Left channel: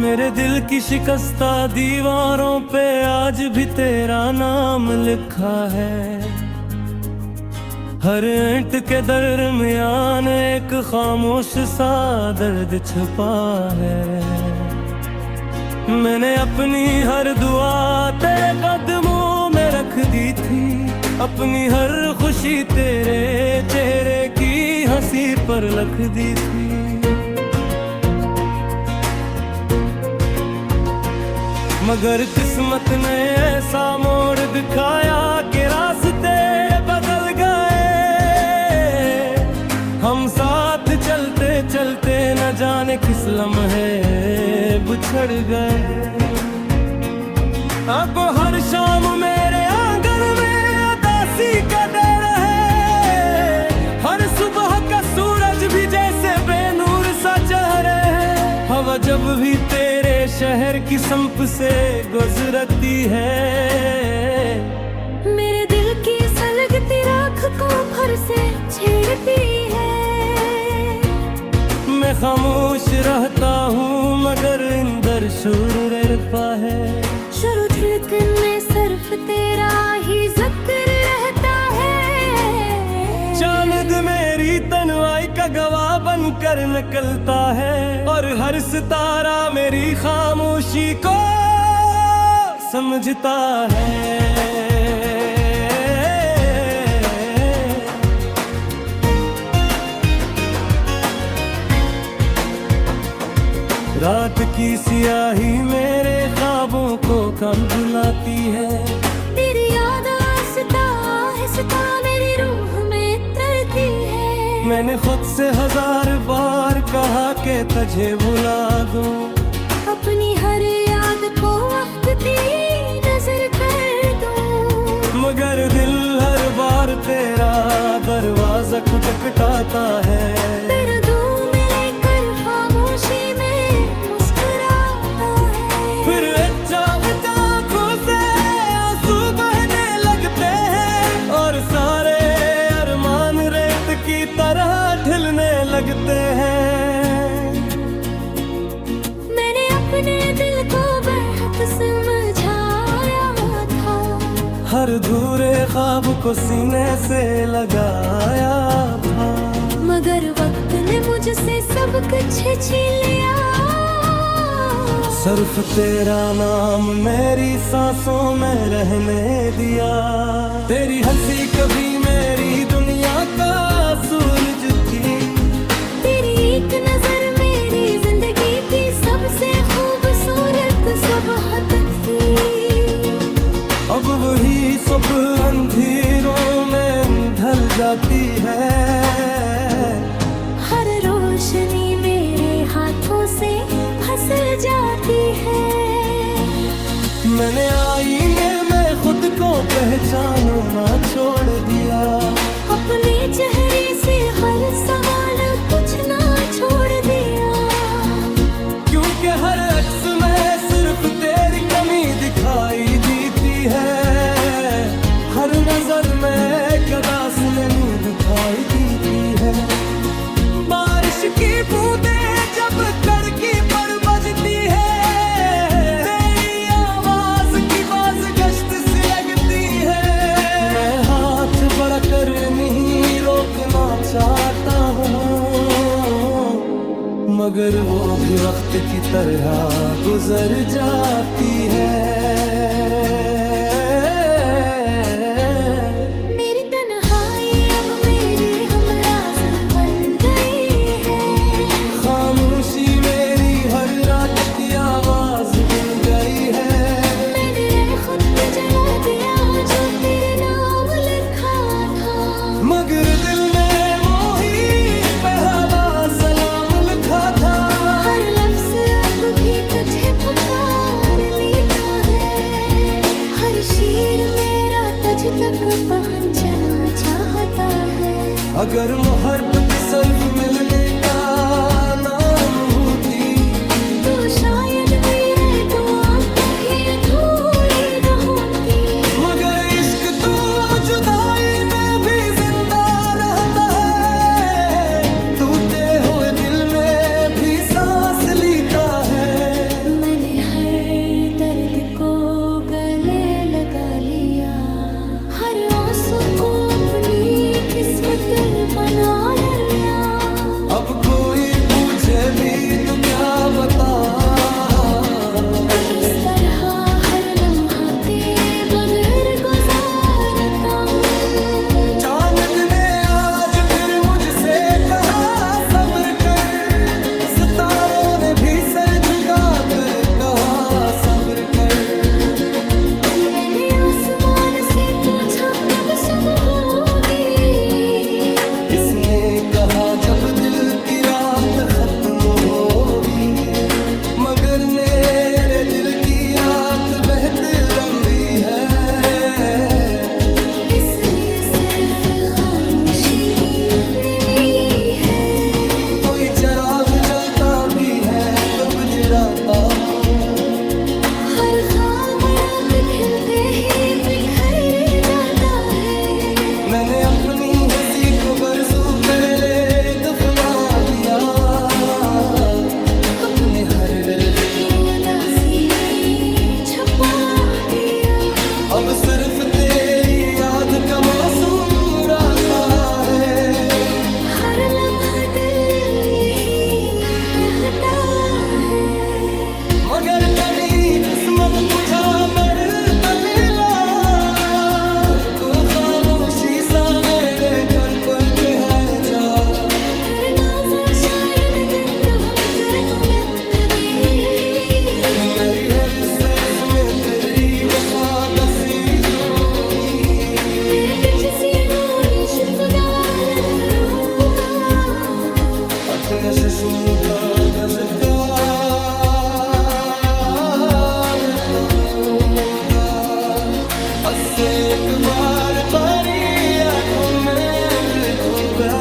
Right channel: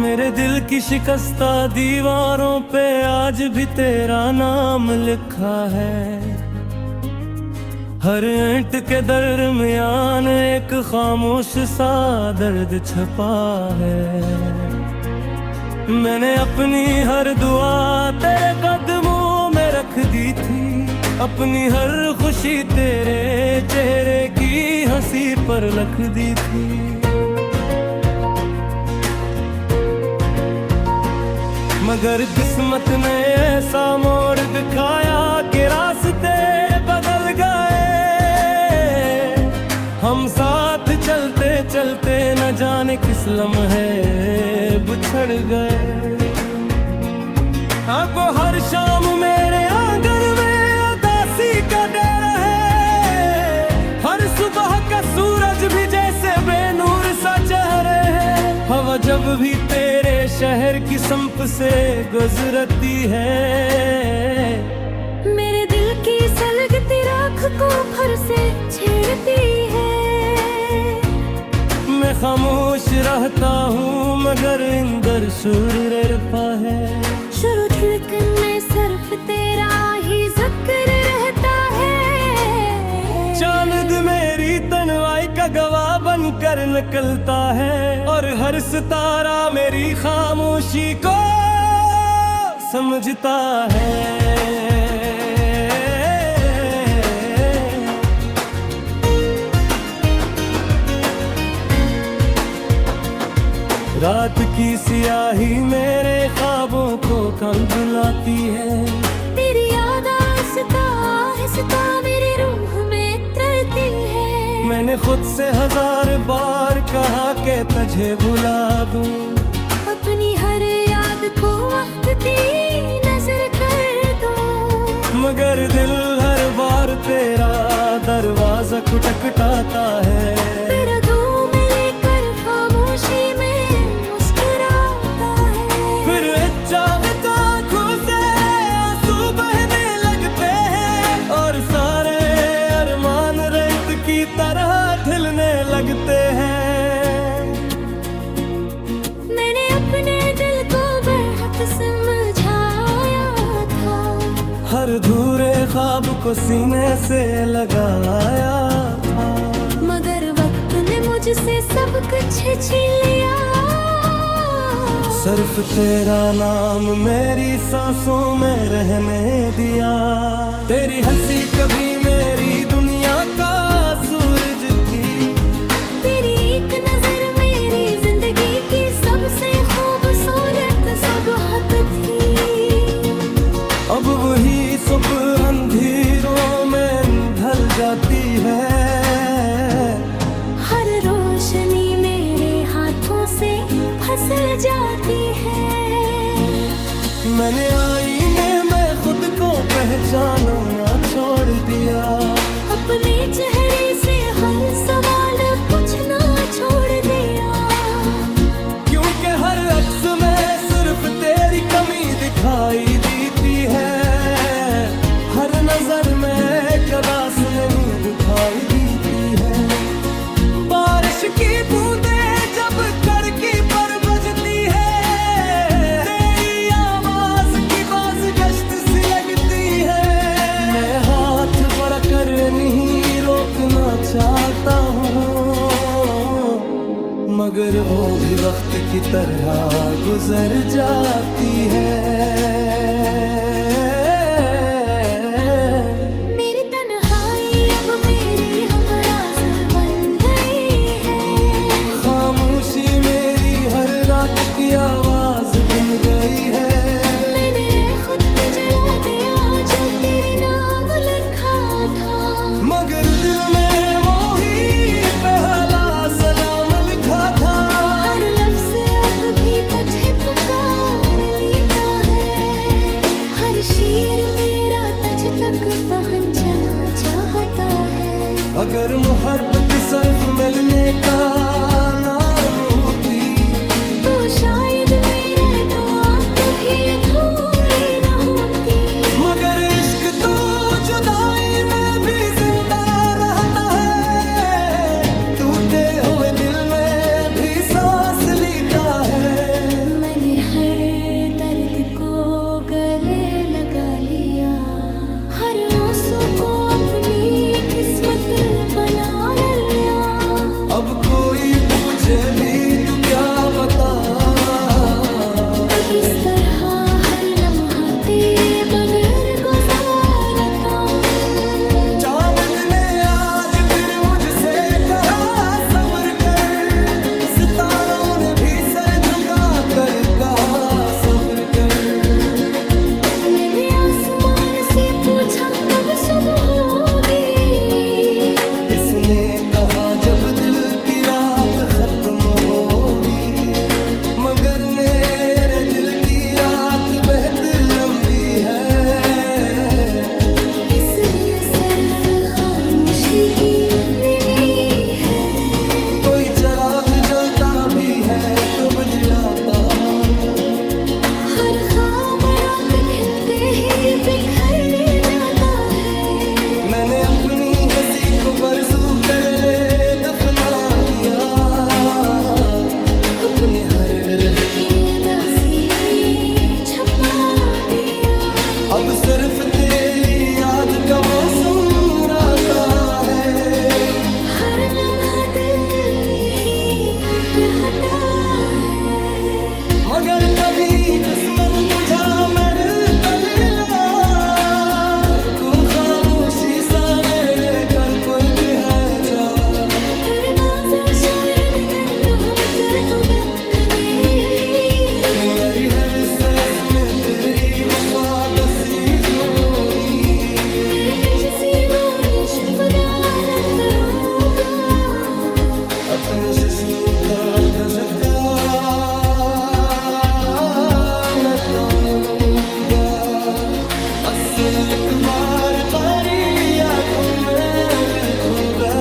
मेरे दिल की शिकस्ता दीवारों पे आज भी तेरा नाम लिखा है। हर ईंट के दरमियान एक खामोश सा दर्द छुपा है। मैंने अपनी हर दुआ तेरे कदमों में रख दी थी, अपनी हर खुशी तेरे चेहरे की हंसी पर लिख दी थी। मगर किस्मत ने ऐसा मोड़ दिखाया कि रास्ते बदल गए। हम साथ चलते चलते न जाने किस लम्हे बिछड़ गए। अब हर शाम मेरे आंगन में उदासी का डर है। हर सुबह का सूरज भी जैसे बेनूर सा चेहरे है। हवा जब भी तेरे शहर की संप से गुजरती है, मेरे दिल की सलगती राख को फर से छेड़ती है। मैं खामोश रहता हूँ मगर इंदर शूर रहता है। शुरू धड़कन में सिर्फ तेरा ही जिक्र रहता है। चांद मेरी तन्हाई का गवाह बनकर निकलता है, और हर सितारा मेरी खामोशी को समझता है। रात की सियाही मेरे ख्वाबों को कल बुलाती है। तेरी याद आहिस्ता आहिस्ता मेरी रूह में तरती है। मैंने खुद से 1000 बार कहा कि तुझे भुला दूं, अपनी हर याद को वक्त की नजर कर दूं। मगर दिल हर बार तेरा दरवाजा खटखटाता है। तेरा धूम लेकर खामोशी में मुस्कुराता है। फिर आँखों से आंसू बहने लगते हैं, और सारे अरमान रेत की तरह ढलने लगते हैं। मैंने अपने दिल को बेहद समझाया था, हर धूरे ख्वाब को सीने से लगाया था। मगर वक्त ने मुझसे सब कुछ छीन लिया। सिर्फ तेरा नाम मेरी सांसों में रहने दिया। तेरी हंसी कभी मेरी दुनिया का सूरज थी। तेरी एक नजर मेरी जिंदगी की सबसे खूबसूरत सुबह थी। अब वही सुबह अंधेरों में ढल जाती है। हर रोशनी मेरे हाथों से फिसल जाती है। मैंने आईने में खुद को पहचानना छोड़ दिया। अपने चेहरे से हर सवाल पूछना छोड़ दिया। क्योंकि हर अक्स में सिर्फ तेरी कमी दिखाई देती है। हर नजर में कदास नमी दिखाई देती है। बारिश की बूंदें जब खिड़की पर बजती है, तेरी आवाज की बाज गश्त सी लगती है। मैं हाथ बढ़ाकर नहीं रोकना चाहता हूँ, मगर वो भी वक्त की तरह गुजर जाती है। मेरी तन्हाई अब मेरी हमराज बन गई है। खामोशी मेरी हर रात की आवाज बन गई है। मैंने खुद जला दिया जो तेरे नाम लिखा था। मगर दिल में मोही पहला सलाम लिखा था। हर लफ्ज अब भी तुझे पुकार लेता है। हर शेर मेरा तुझ तक पहुंचना चाहता है। अगर मोहब्बत सिर्फ मिलने का नाम होती, तो शायद मेरा दुआ कभी अधूरी न होती। मगर इश्क तो जुदाई में भी जिंदा रहता है। टूटे हुए दिल में भी सांस लेता है। को गले लगा लिया, हर आंसू को अपनी किस्मत बना लिया। अब कोई पूछे भी तू क्या बता, तो किस तरह हर लम्हा तेरे बगैर गुजारता हूँ। चांद ने आज फिर मुझसे कहा सब्र कर, सितारों ने भी सर झुका कर कहा सब्र कर। मैंने आसमान से पूछा कब सुबह होगी, इसने कहा जब दिल की रात खत्म होगी। मगर मेरे दिल की रात बहुत लंबी है, इसलिए सिर्फ खामोशी की नींद है। कोई चिराग जलता भी है तो बुझराता हूँ, हर खाम रात खिलते ही बिखर जाता है। मैंने अपनी हंसी को बरसों पहले दफना दिया, अपने हर गिरह को उदासी ने छुपा दिया। अब सिर्फ तेरी याद का मौसम राता है, हर लम्हा दिल ही कहता है। मगर कभी किस्मत तुझा मेरे तलीला, तू खामोशी सा मेरे कर पड़ते है जा। तेरे माज़ा शायद गंदो न कर तो मैं थली, मेरी हर सांस में तेरी वफा दसी होगी। मैं तुझसे वही शुक्रिया न करूँगा, अपने जिस्म का कजता न कहूँगा। बस एक बार तेरी आंखों में देखूंगा,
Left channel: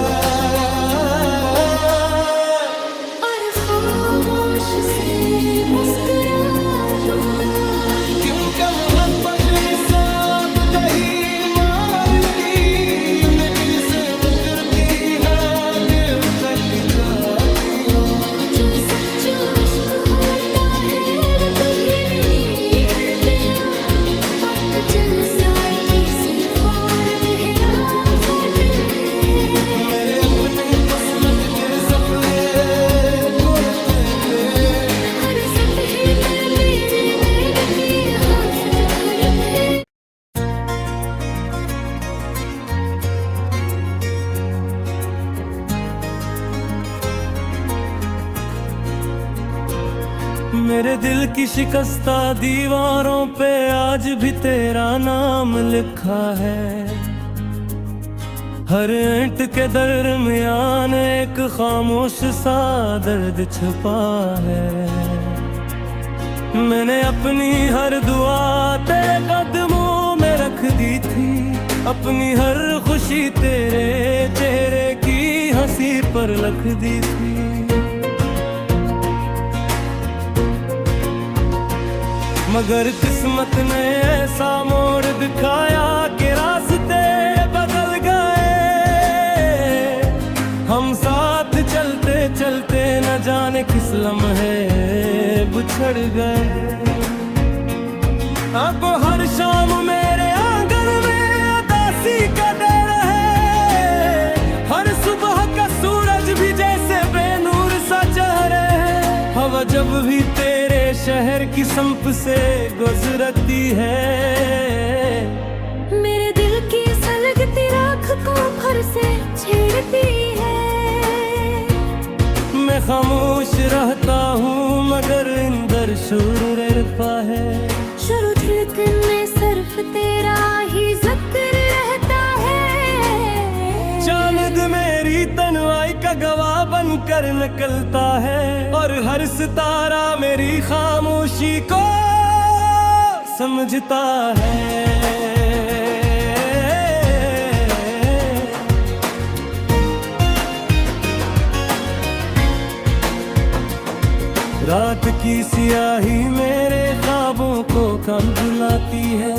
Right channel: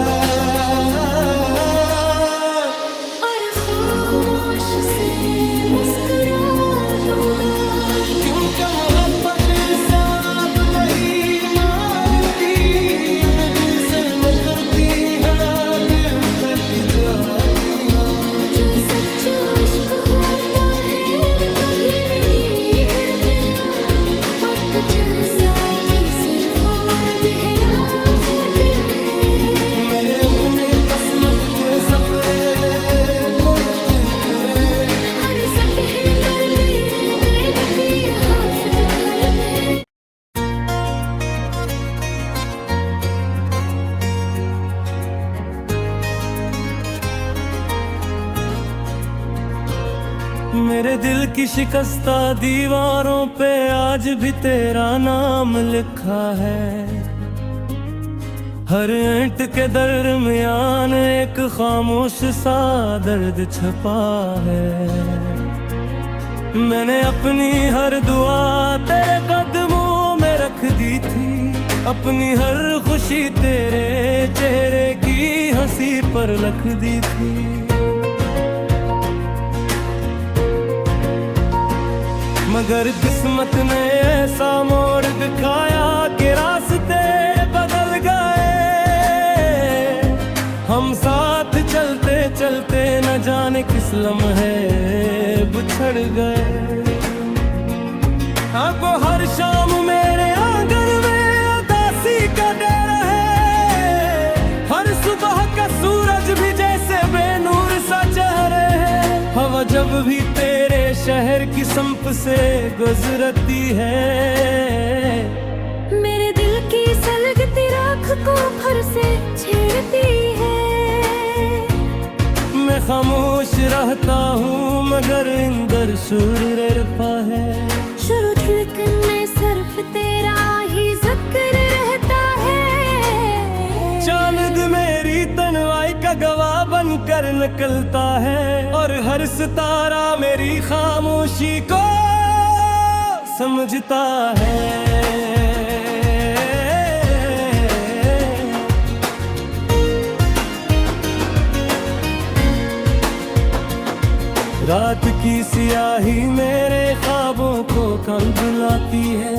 और खामोश से मुस्कुरा दूंगा। क्योंकि मोहब्बत साब दही मारती, न दिल से न करती हाँ दिल तक जाती। जो सच्चा इश्क होता है वो कभी नहीं हरता, वक्त चल साथी सिर्फ और बहरा होते हैं। मेरे अपने किस्मत के सफरे करते थे, हर सतह पर तेरे नैन की हाफत घर है। मेरे दिल की शिकस्ता दीवारों पे आज भी तेरा नाम लिखा है। हर ईंट के दरमियान एक खामोश सा दर्द छुपा है। मैंने अपनी हर दुआ तेरे कदमों में रख दी थी, अपनी हर खुशी तेरे चेहरे की हंसी पर लिख दी थी। मगर किस्मत ने ऐसा मोड़ दिखाया कि रास्ते बदल गए। हम साथ चलते चलते न जाने किस लम्हे बिछड़ गए। अब हर शाम मेरे आंगन में उदासी का डेरा है, हर सुबह का सूरज भी जैसे बेनूर सा चेहरे है। हवा जब भी तेरे शहर की संप से गुजरती है, मेरे दिल की सलगती राख को फर से छेड़ती है। मैं खामोश रहता हूँ मगर इंदर शूर रहता है। शुरू धड़कन में सिर्फ तेरा ही जिक्र रहता है। चांद मेरी तन्हाई का गवाह बनकर निकलता है, और हर सितारा मेरी खामोशी को समझता है। रात की सियाही मेरे ख्वाबों को कम बुलाती है।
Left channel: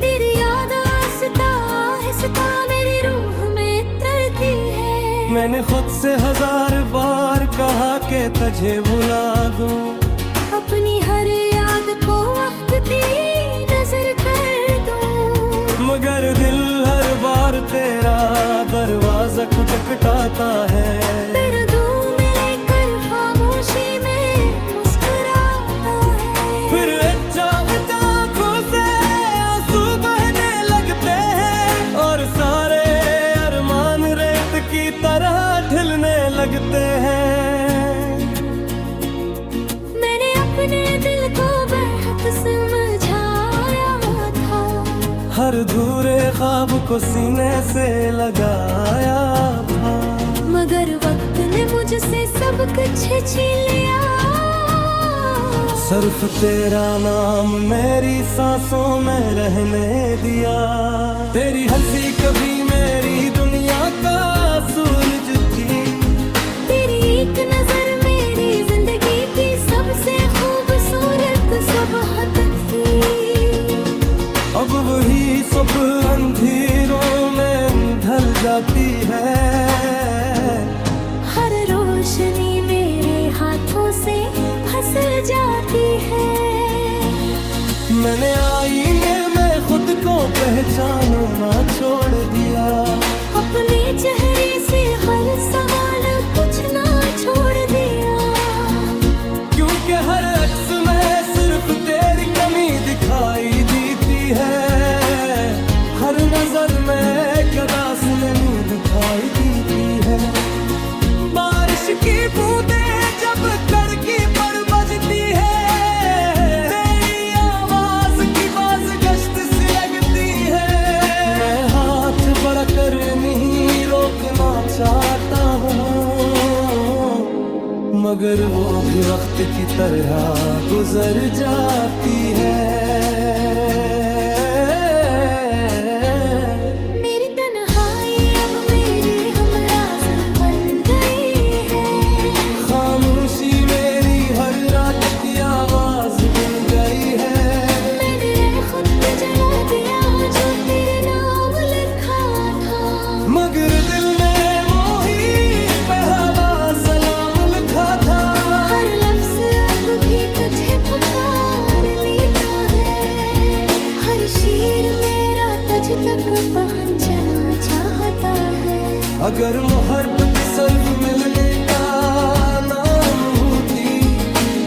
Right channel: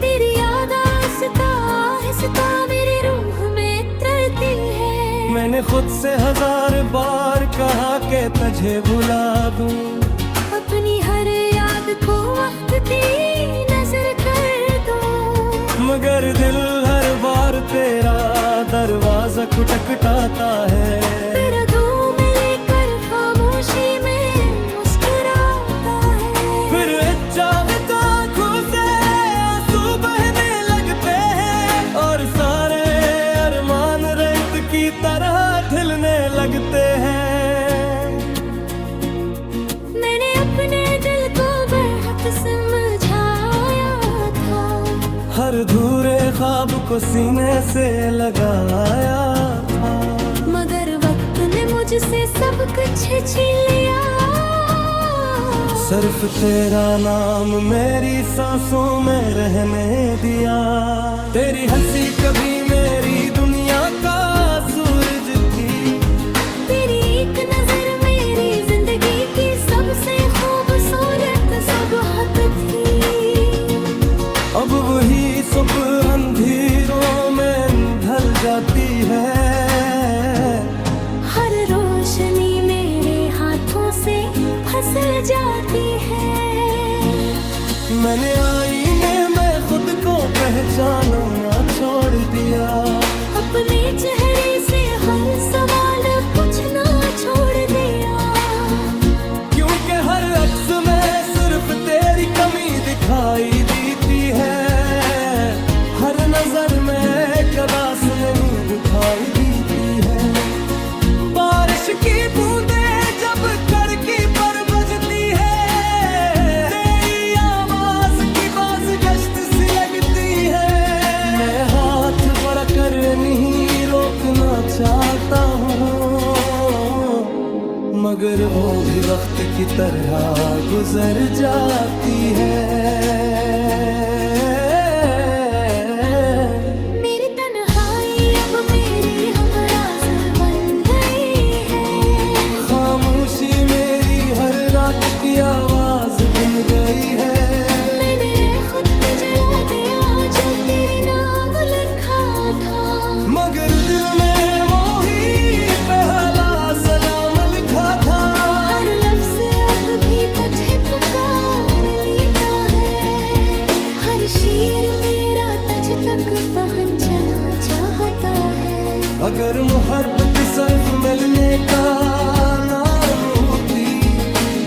तेरी याद आहिस्ता आहिस्ता मेरी रूह में तरती है। मैंने खुद से 1000 बार कहा कि तुझे भुला दूं, अब अपनी हर याद को वक्त दी नजर कर दो। मगर दिल हर बार तेरा दरवाजा खटखटाता है। फिर धूम में लेकर खामोशी में मुस्कुराता है। फिर आंखों से आंसू बहने लगते हैं और सारे अरमान रेत की तरह ढलने लगते हैं। मैंने अपने दिल को बेहद समझाया था, हर धूरे ख्वाब को सीने से लगाया था। मगर वक्त ने मुझसे सब कुछ छीन लिया। सिर्फ तेरा नाम मेरी सांसों में रहने दिया। तेरी हंसी कभी मेरी दुनिया का सूरज थी। तेरी एक नजर मेरी जिंदगी की सबसे खूबसूरत सुबह थी। अब वही सब अंधेरों में ढल जाती है। हर रोशनी मेरे हाथों से फिसल जाती है। मैंने आईने में खुद को पहचानना छोड़ दिया। अपने चेहरे से हर सवाल पूछना छोड़ दिया। क्योंकि हर अक्स में सिर्फ तेरी कमी दिखाई देती है। हर नजर में कदास नहीं दिखाई देती है। बारिश की बूंदें जब खिड़की पर बजती है, तेरी आवाज की बाज गश्त सी लगती है। मैं हाथ बढ़ाकर नहीं रोकना चाहता हूँ, मगर वो भी वक्त की तरह गुजर जाती है। मेरी तन्हाई अब मेरी हमराज बन गई है। खामोशी मेरी हर रात की आवाज बन गई है। मैंने खुद को जला दिया जो तेरे नाम लिखा था। मगर दिल में मोही पहला सलाम लिखा था। हर लफ्ज अब भी तुझे पुकार लेता है। हर शेर मेरा तुझ तक पहुंचना चाहता है। अगर मोहब्बत सिर्फ मिलने का नाम होती,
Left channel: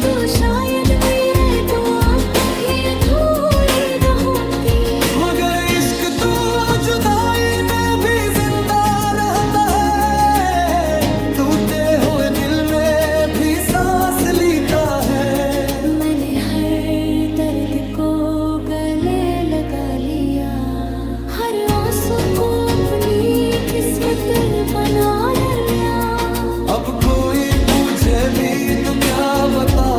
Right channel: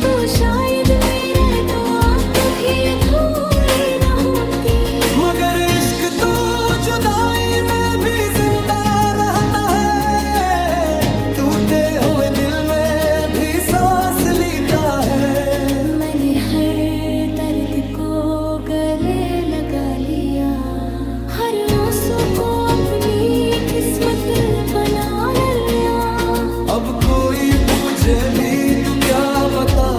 तो शायद मेरा दुआ कभी अधूरी न होती। मगर इश्क तो जुदाई में भी जिंदा रहता है। टूटे हुए दिल में भी सांस लेता है। मैंने हर दर्द को गले लगा लिया। हर आंसू को अपनी किस्मत बना लिया। अब कोई पूछे भी तो क्या बता,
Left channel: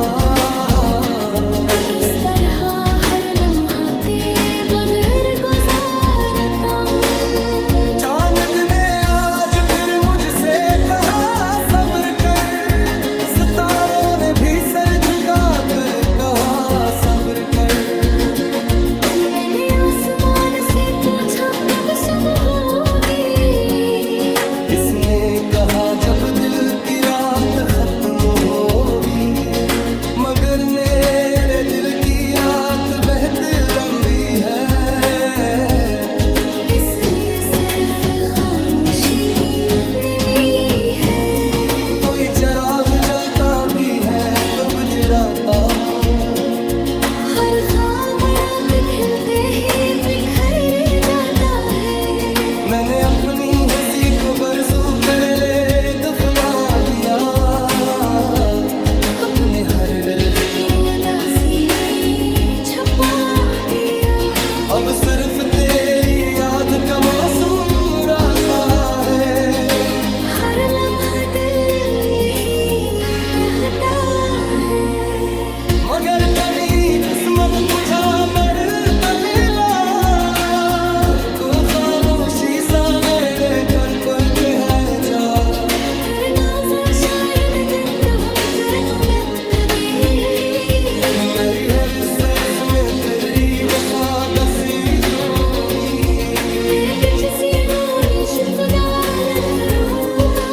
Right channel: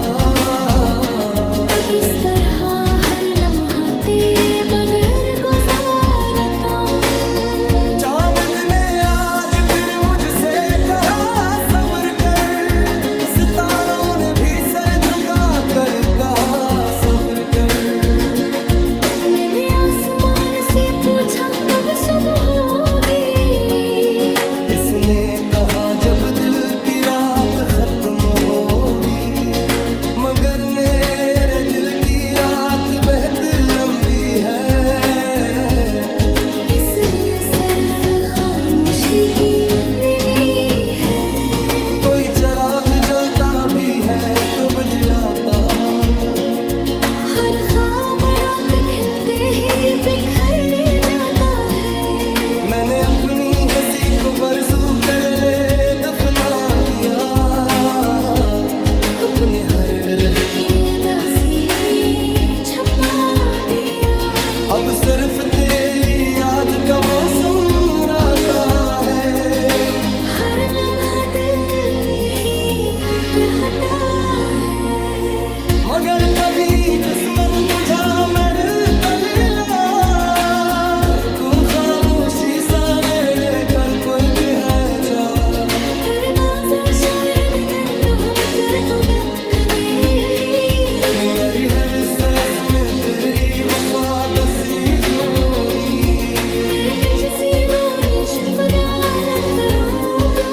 तो किस तरह हर लम्हा तेरे बगैर गुजारता हूँ। चांद ने आज फिर मुझसे कहा सब्र कर। सितारों ने भी सर झुका कर कहा सब्र कर। मैंने आसमान से पूछा कब सब होगी। इसने कहा जब दिल की रात खत्म होगी। मगर मेरे दिल की रात बेहद लंबी है। इसमें सिर्फ खामोशी की नमी है। कोई चिराग जलता भी है तो बुझराता हूँ। हर ख्वाब रात खिलते ही बिखर जाता है। मैंने अपनी हंसी को बरसों पहले दफना दिया। अपने हर गिरह उदासी में छुपा दिया। अब सिर्फ तेरी याद का मौसम रहता है। हर लम्हा दिल ही कहता है। मगर कभी किस्मत बुझा मेरे दलीला। तू खामोशी सावेरे कर पड़ते है जा। तेरे मंजर शायद गंदा नजर तुम्हें खलीगी। मेरी हर सांस में तेरी वफा दसी होगी। मैं तुझसे दूनी शुक्राना करूँगा।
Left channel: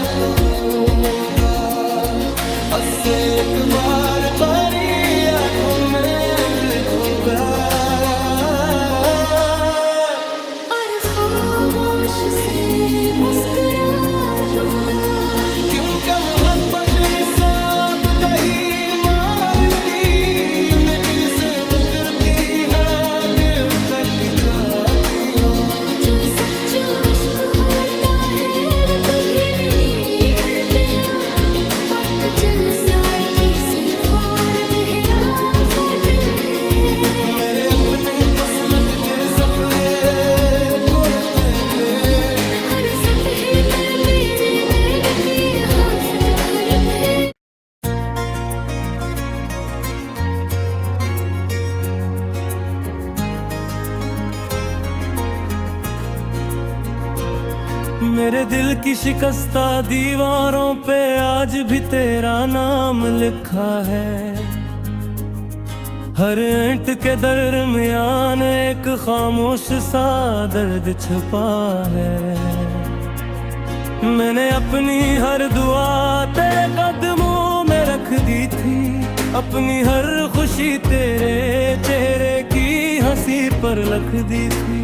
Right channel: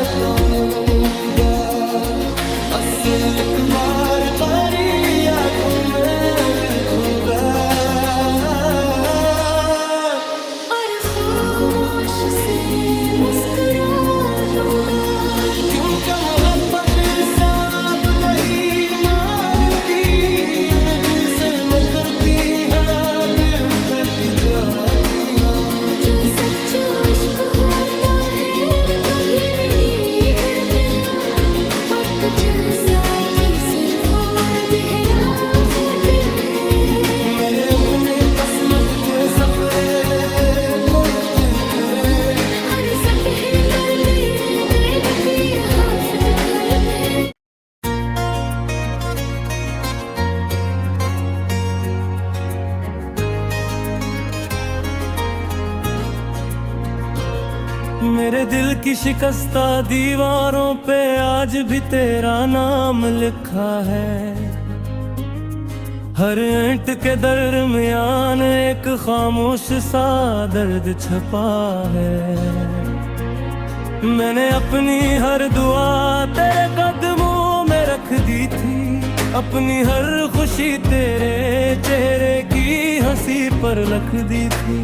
बताऊंगा, बस एक बार तेरी आंखों में दिखूंगा और खामोश से मुस्कुरा दूंगा। क्योंकि मोहब्बत साब नहीं मारती, न दिल से न करती हाँ दिल तक जाती यार। जो सच्चा इश्क होता है वो कभी नहीं हरता, वक्त जलसा की सिर्फ और बहरावत है। मेरे अपने किस्मत के सफरे करते हर सतह पर तेरे नैन की हासत घर है। मेरे दिल की शिकस्ता दीवारों पे आज भी तेरा नाम लिखा है। हर ईंट के दरमियान एक खामोश सा दर्द छुपा है। मैंने अपनी हर दुआ तेरे कदमों में रख दी थी, अपनी हर खुशी तेरे चेहरे की हंसी पर लिख दी थी।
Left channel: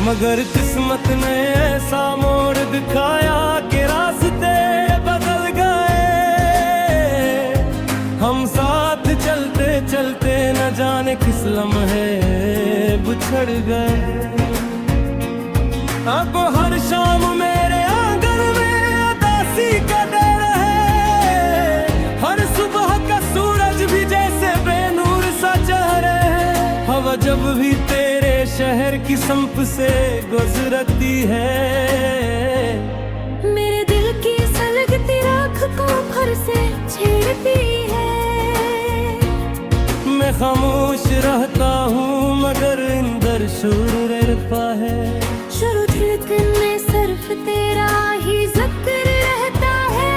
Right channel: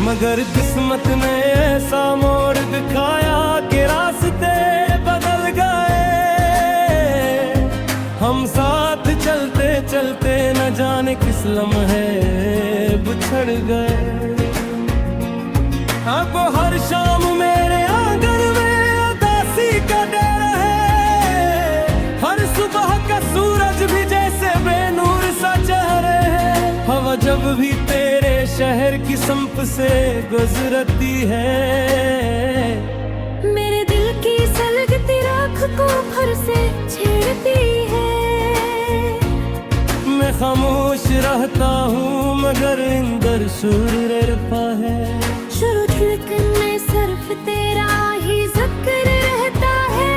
मगर किस्मत ने ऐसा मोड़ दिखाया कि रास्ते बदल गए। हम साथ चलते चलते न जाने किस लम्हे बिछड़ गए। अब हर शाम मेरे आंगन में उदासी का डेरा है। हर सुबह का सूरज भी जैसे बेनूर सा चेहरे है। हवा जब भी तेरे शहर की संप से गुजरती है, मेरे दिल की सलगती राख को फर से छेड़ती है। मैं खामोश रहता हूँ मगर इंदर शूर रहता है। शुरू धड़कन में सिर्फ तेरा ही जिक्र रहता है।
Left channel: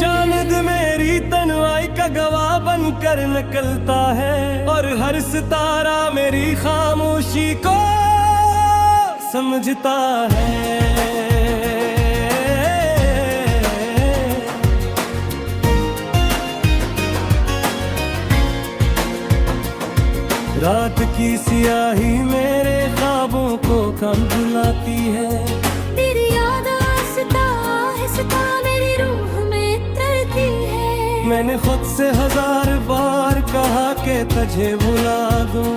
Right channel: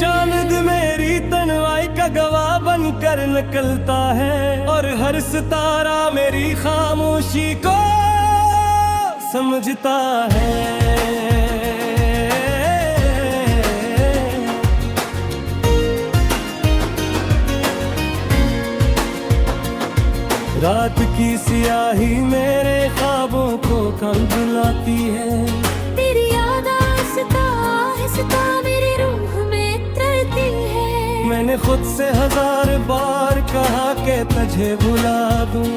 चांद मेरी तन्हाई का गवाह बनकर निकलता है, और हर सितारा मेरी खामोशी को समझता है। रात की सियाही मेरे ख्वाबों को कल बुलाती है। तेरी याद आहिस्ता आहिस्ता मेरी रूह में तरती है। मैंने खुद से 1000 बार कहा कि तुझे भुला दूं,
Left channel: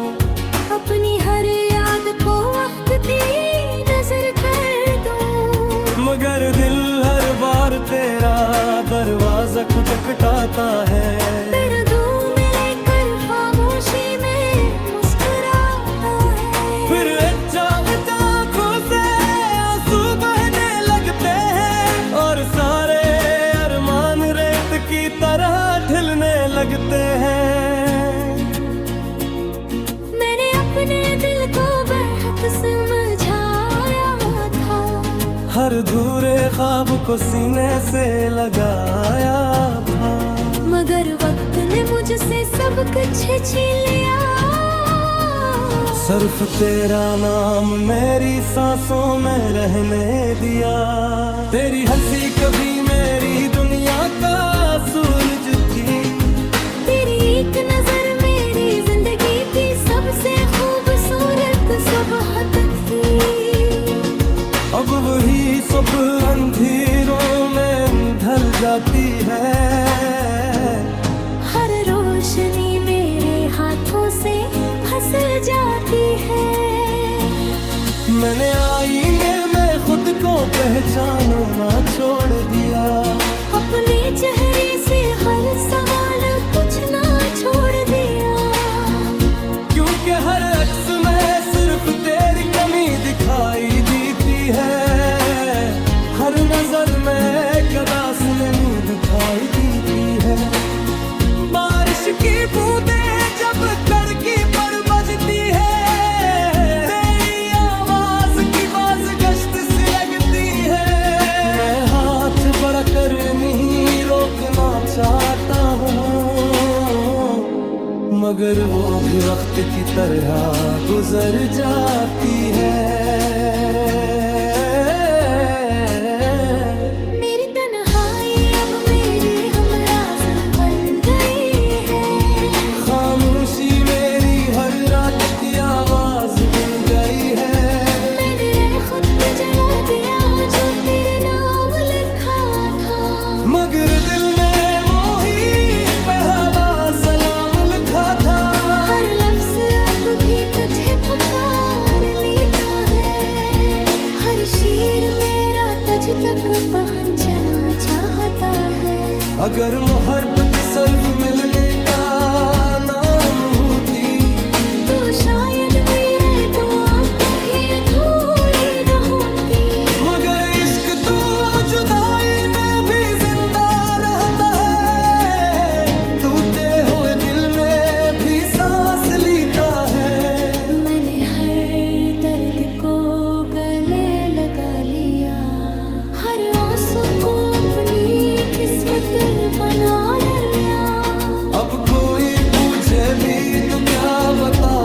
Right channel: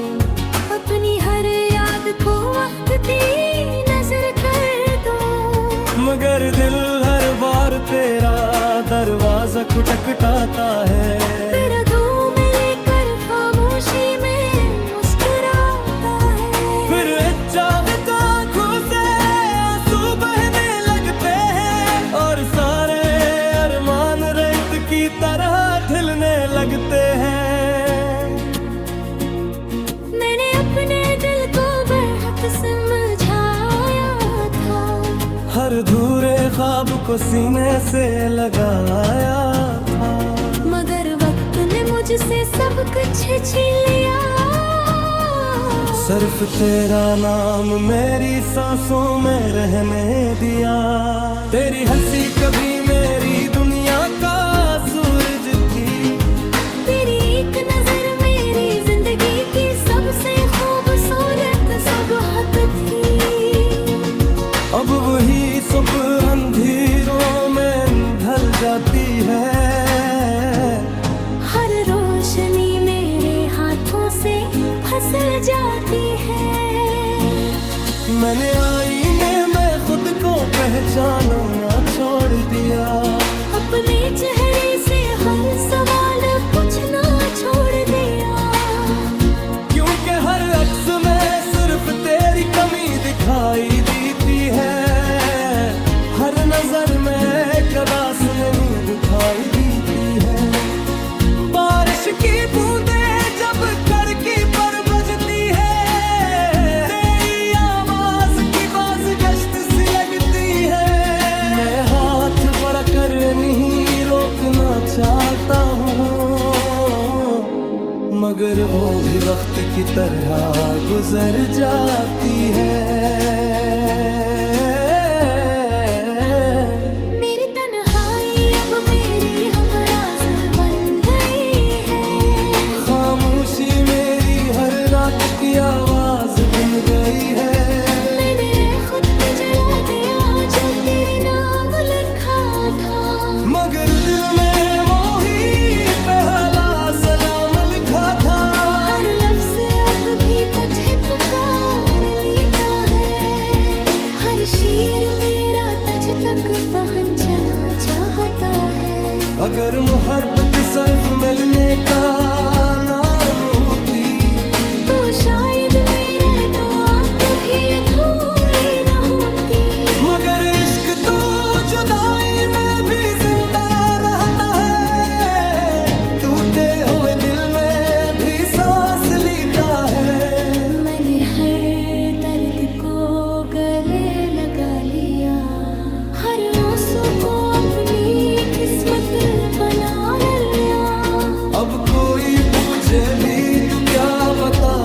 अपनी हर याद को वक्त दी नजर कर दूं। मगर दिल हर बार तेरा दरवाजा खटखटाता है। तेरा दूं में लेकर खामोशी में मुस्कुराता है। फिर चाहता आंखों से आंसू बहने लगते हैं, और सारे अरमान रेत की तरह ढलने लगते हैं। मैंने अपने दिल को बेहद समझाया था, हर धूरे ख्वाब को सीने से लगाया था। मगर वक्त ने मुझसे सब कुछ छीन लिया। सिर्फ तेरा नाम मेरी सांसों में रहने दिया। तेरी हंसी कभी मेरी दुनिया का सूरज थी। तेरी एक नजर मेरी जिंदगी की सबसे खूबसूरत सुबह थी। अब वही सुबह अंधेरों में ढल जाती है। हर रोशनी मेरे हाथों से फिसल जाती है। मैंने आईने में खुद को पहचानना छोड़ दिया। अपने चेहरे से हर सवाल पूछना छोड़ दिया। क्योंकि हर अक्स में सिर्फ तेरी कमी दिखाई देती है। हर नजर में कदास नहीं दिखाई देती है। बारिश की बूंदें जब खिड़की पर बजती है, तेरी आवाज की बाज गश्त सी लगती है। मैं हाथ बढ़ाकर नहीं रोकना चाहता हूँ, मगर वो भी वक्त की तरह गुजर जाती है। मेरी तन्हाई अब मेरी हमराज बन गई है। खामोशी मेरी हर रात की आवाज बन गई है। मैंने खुद जला दिया जो तेरे नाम लिखा था। मगर दिल में मोही पहला सलाम लिखा था। हर लफ्ज अब भी तुझे पुकार लेता है। हर शेर मेरा तुझ तक पहुंचना चाहता है। अगर मोहब्बत सिर्फ मिलने का नाम होती तो शायद मेरा तो कभी अधूरी न होती। मगर इश्क तो जुदाई में भी जिंदा रहता है। टूटे हुए दिल में भी सांस लेता है। मैंने हर दर्द को गले लगा लिया। हर आंसू को अपनी किस्मत बना लिया। अब कोई पूछे भी तू क्या बता।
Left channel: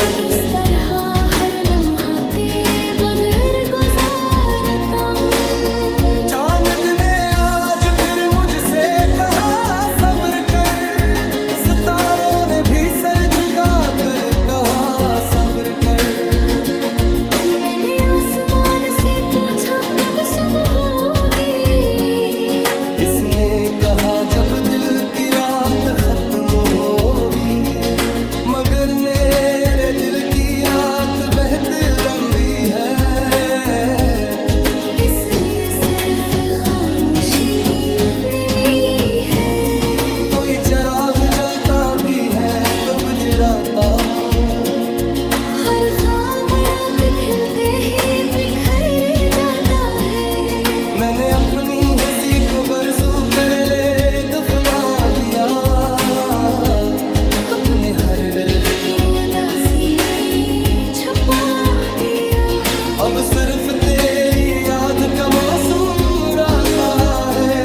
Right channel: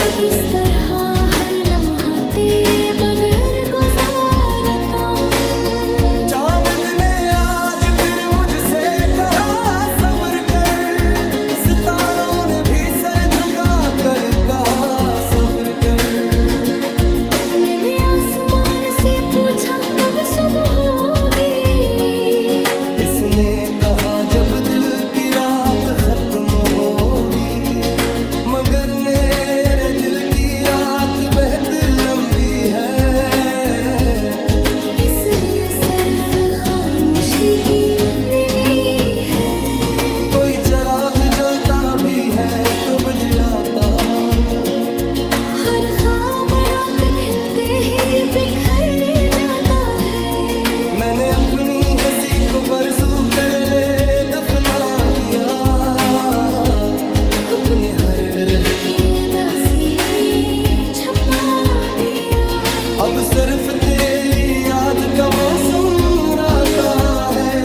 तो किस तरह हर लम्हा तेरे बगैर गुजारता हूँ। चांद ने आज फिर मुझसे कहा सब्र कर। सितारों ने भी सर झुका कर कहा सब्र कर। मैंने आसमान से पूछा कब सुबह होगी। इसने कहा जब दिल की रात खत्म होगी। मगर मेरे दिल की रात बहुत लंबी है। इसमें सिर्फ खामोशी की नमी है। कोई चिराग जलता भी है तो बुझराता हूँ। हर खाम रात खिलते ही बिखर जाता है। मैंने अपनी हंसी को बरसों पहले दफना दिया। अपने हर गिरह उदासी ने छुपा दिया। अब सिर्फ तेरी याद का मौसम रहता है।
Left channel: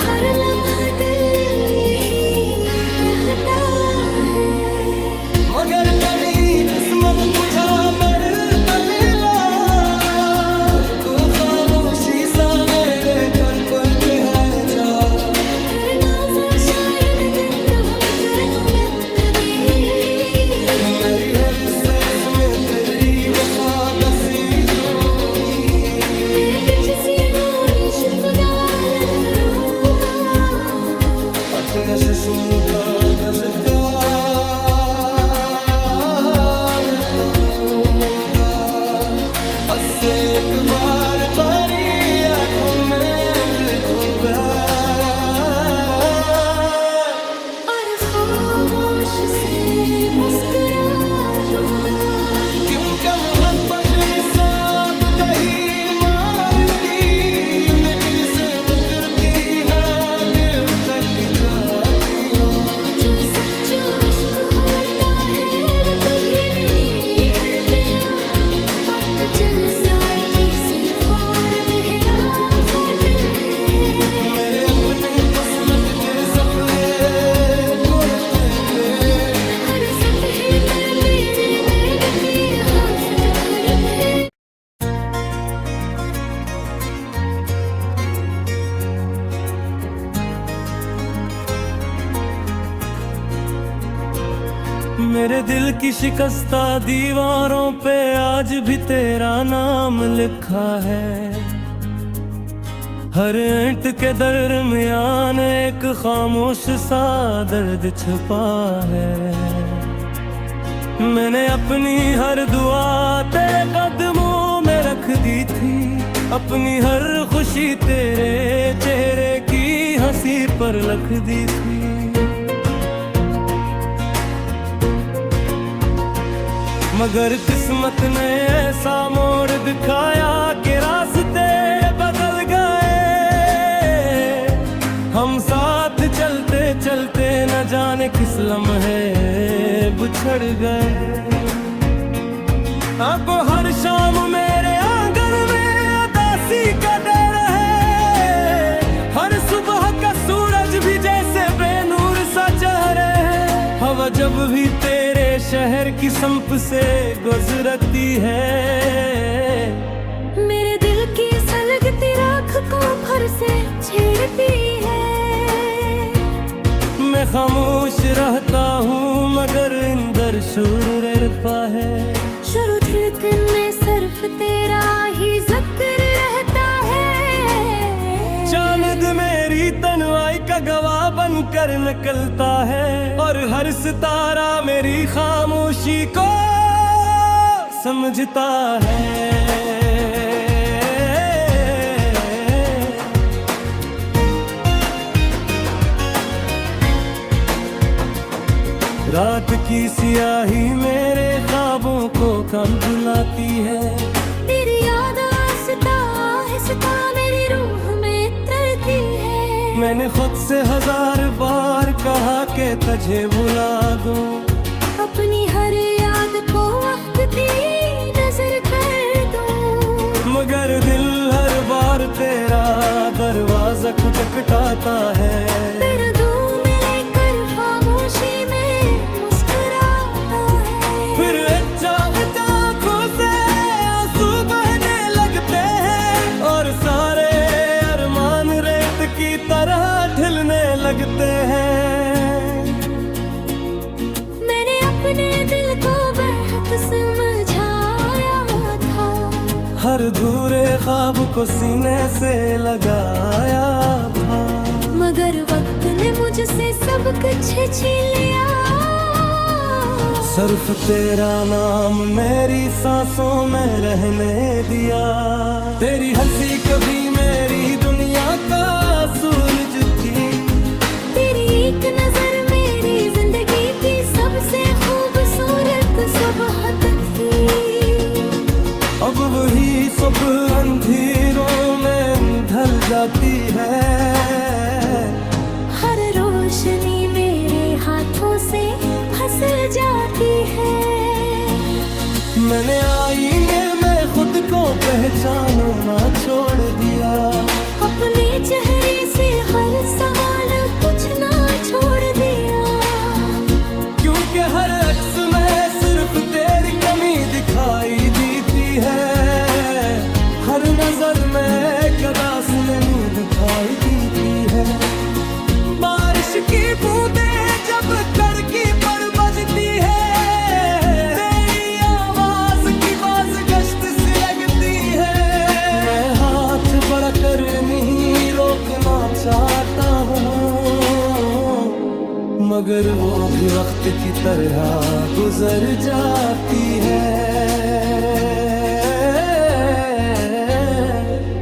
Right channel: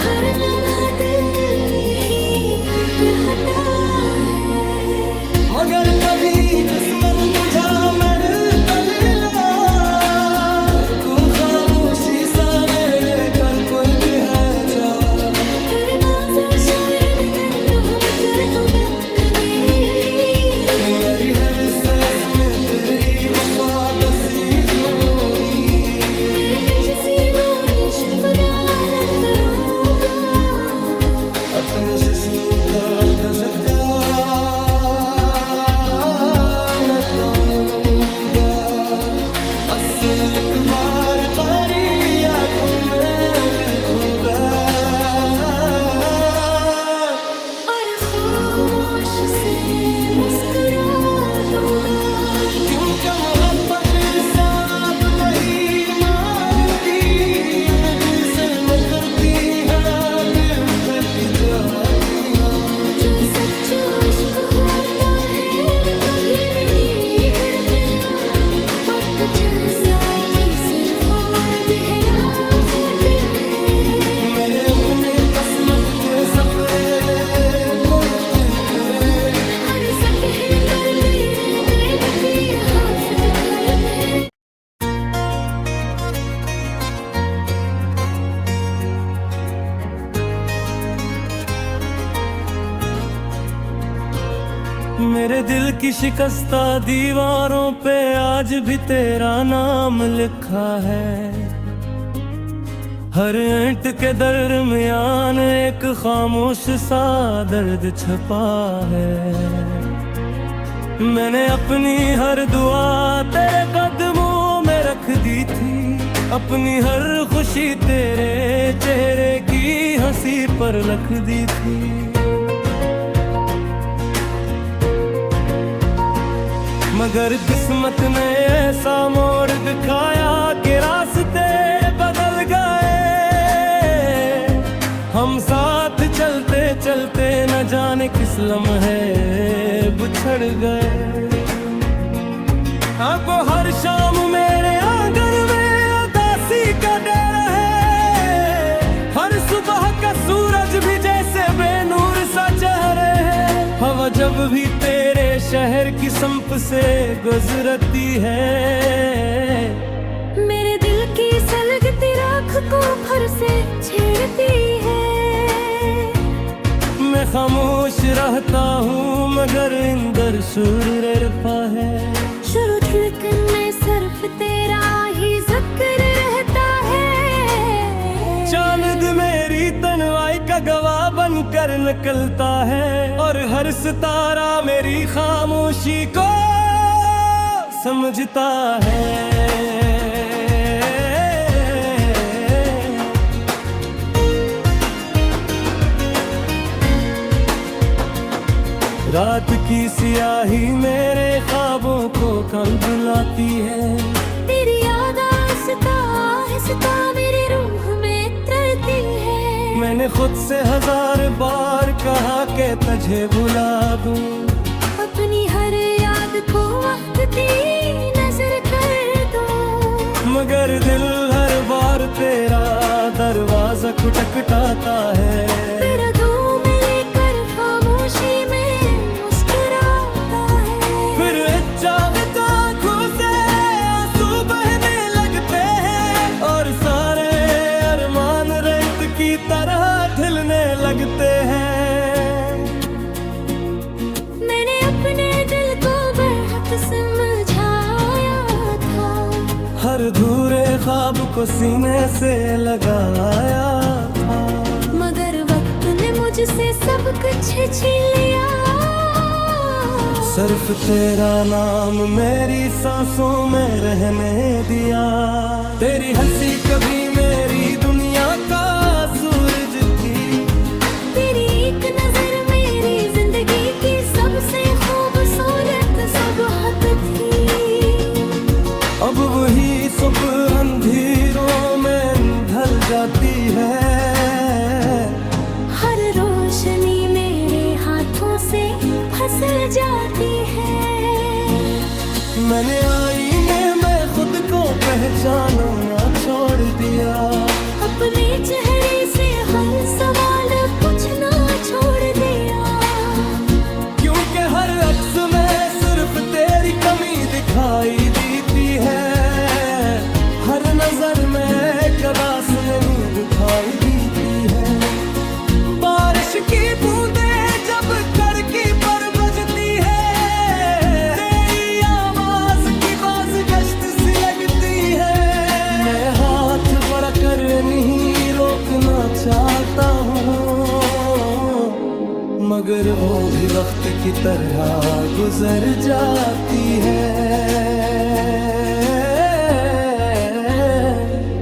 हर लम्हा दिल ही कहता है। मगर कभी किस्मत तुझा मेरे दलीला। तू खामोशी सा मेरे कर पड़ते है जा। तेरे माज़र शायद दिन मगर तुम्हें कनेगी। मेरी हर सांस में तेरी वफा दसी होगी। मैं तुझसे रोनी शुक्राना करूँगा। अपने जिस्म का तजता नताऊंगा। अस्से एक बार तेरी आंखों में देखूंगा। और खामोश से मुस्कुरा दूंगा। क्योंकि मोहब्बत साफ दही मारती न जिनसे न करती हाँ दिल तक जाती। जो सच्चो इश्क होता है वो कभी नहीं हरता। वक्त जल साथी सिर्फ और बहरा होते हैं। मेरे अपने किस्मत के सफरे करते थे। हर सतह पर तेरे नैन की हाफत घर थे। मेरे दिल की शिकस्ता दीवारों पे आज भी तेरा नाम लिखा है। हर ईंट के दरमियान एक खामोश सा दर्द छुपा है। मैंने अपनी हर दुआ तेरे कदमों में रख दी थी। अपनी हर खुशी तेरे चेहरे की हंसी पर लिख दी थी। मगर किस्मत ने ऐसा मोड़ दिखाया कि रास्ते बदल गए। हम साथ चलते चलते न जाने किस लम्हे बिछड़ गए। अब हर शाम मेरे आंगन में उदासी का डर है। हर सुबह का सूरज भी जैसे बेनूर सा चेहरा जब भी तेरे शहर की संप से गुजरती है, मेरे दिल की सलगती राख को फर से छेड़ती है। मैं खामोश रहता हूँ मगर इंदर शूर रहता है। शुरू धड़कन में सिर्फ तेरा ही जिक्र रहता है। चांद मेरी तन्हाई का गवाह बनकर निकलता है, और हर सितारा मेरी खामोशी को समझता है। रात की सियाही मेरे ख्वाबों को कम बुलाती है। तेरी याद आहिस्ता आहिस्ता मेरी रूह में तरती है। मैंने खुद से 1000 बार कहा कि तुझे भुला दूं, अपनी हर याद को वक्त दी नजर कर दो, मगर दिल हर बार तेरा दरवाजा खटखटाता है। फिर धूम लेकर खामोशी में मुस्कुराता है। फिर आँखों से आंसू बहने लगते हैं, और सारे अरमान रेत की तरह ढलने लगते हैं। मैंने अपने दिल को बेहद समझाया था, हर धूरे ख्वाब को सीने से लगाया था, मगर वक्त ने मुझसे सब कुछ छीन लिया। सिर्फ तेरा नाम मेरी सांसों में रहने दिया। तेरी हंसी कभी मेरी दुनिया का सूरज थी, तेरी एक नजर मेरी जिंदगी की सबसे खूबसूरत सुबह थी। अब वही सुबह अंधेरों में ढल जाती है। हर रोशनी मेरे हाथों से फिसल जाती है। मैंने आईने में खुद को पहचानना छोड़ दिया, अपने चेहरे से हर सवाल पूछना छोड़ दिया, क्योंकि हर अक्स में सिर्फ तेरी कमी दिखाई देती है। हर नजर में कदास नमी दिखाई देती है। बारिश की बूंदें जब खिड़की पर बजती है, तेरी आवाज की बाज गश्त सी लगती है। मैं हाथ बढ़ाकर नहीं रोकना चाहता हूँ, मगर वो भी वक्त की तरह गुजर जाती है।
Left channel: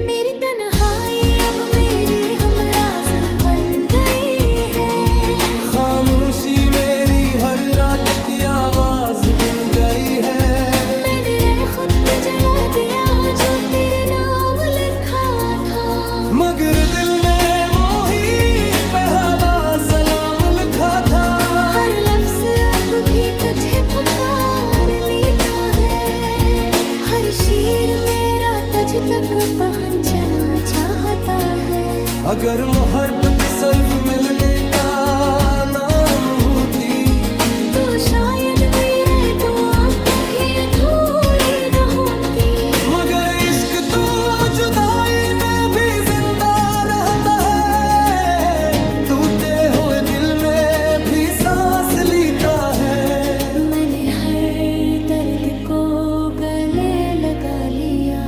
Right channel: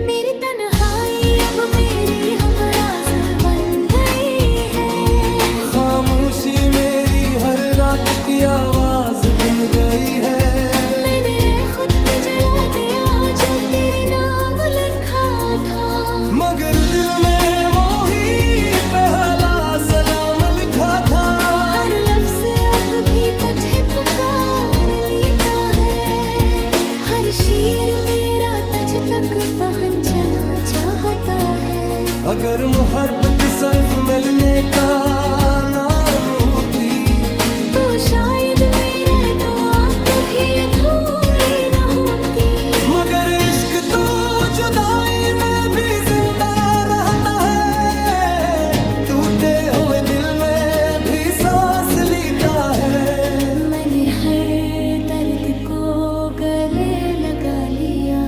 मेरी तन्हाई अब मेरी हमराज बन गई है। खामोशी मेरी हर रात की आवाज बन गई है। मैंने खुद जला दिया जो तेरे नाम लिखा था, मगर दिल में मोही पहला सलाम लिखा था। हर लफ्ज अब भी तुझे पुकार लेता है। हर शेर मेरा तुझ तक पहुंचना चाहता है। अगर मोहब्बत सिर्फ मिलने का नाम होती, तो शायद मेरा दुआ कभी अधूरी न होती। मगर इश्क तो जुदाई में भी जिंदा रहता है। टूटे हुए दिल में भी सांस लेता है। मैंने हर दर्द को गले लगा लिया,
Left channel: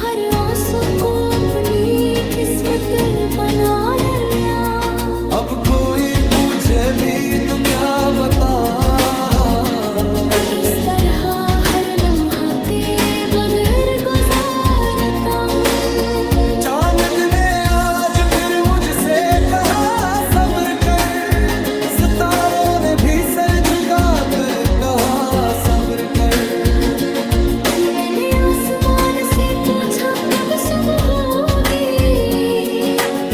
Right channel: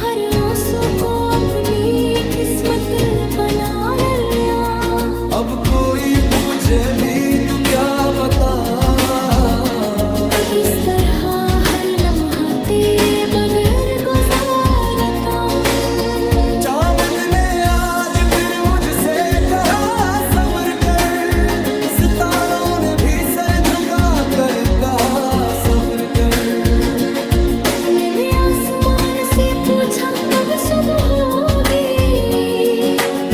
हर आंसू को अपनी किस्मत बना लिया। अब कोई पूछे भी तो क्या बता, तो किस तरह हर लम्हा तेरे बगैर गुजारता हूँ। चांद ने आज फिर मुझसे कहा सब्र कर, सितारों ने भी सर झुका कर कहा सब्र कर। मैंने आसमान से पूछा कब सुबह होगी,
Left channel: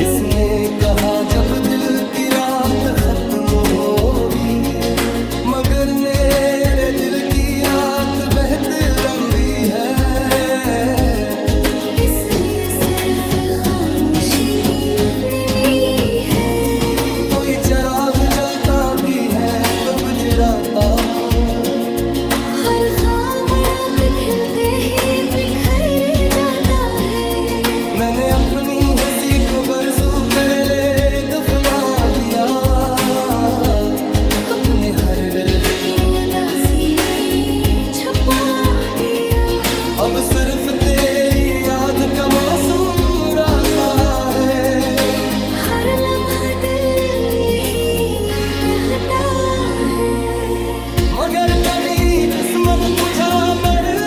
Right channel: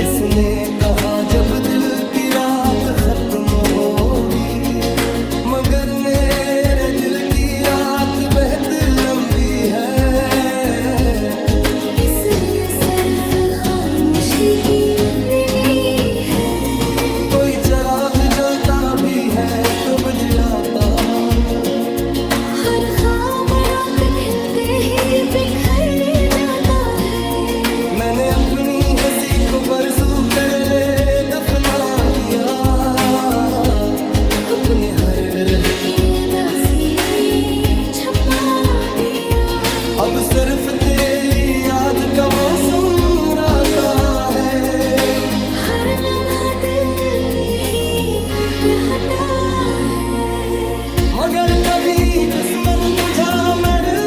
इसने कहा जब दिल की रात खत्म होगी। मगर मेरे दिल की रात बहुत लंबी है, इसमें सिर्फ खामोशी की नमी है। कोई चिराग जलता भी है तो गुजराता हूँ। हर खाम रात खिलते ही बिखर जाता है। मैंने अपनी हंसी को बरसों पहले दफना दिया, अपने हर गिरह को उदासी में छुपा दिया। अब सिर्फ तेरी याद का मौसम राता है। हर लम्हा दिल ही कहता है, मगर कभी किस्मत तुझा मेरे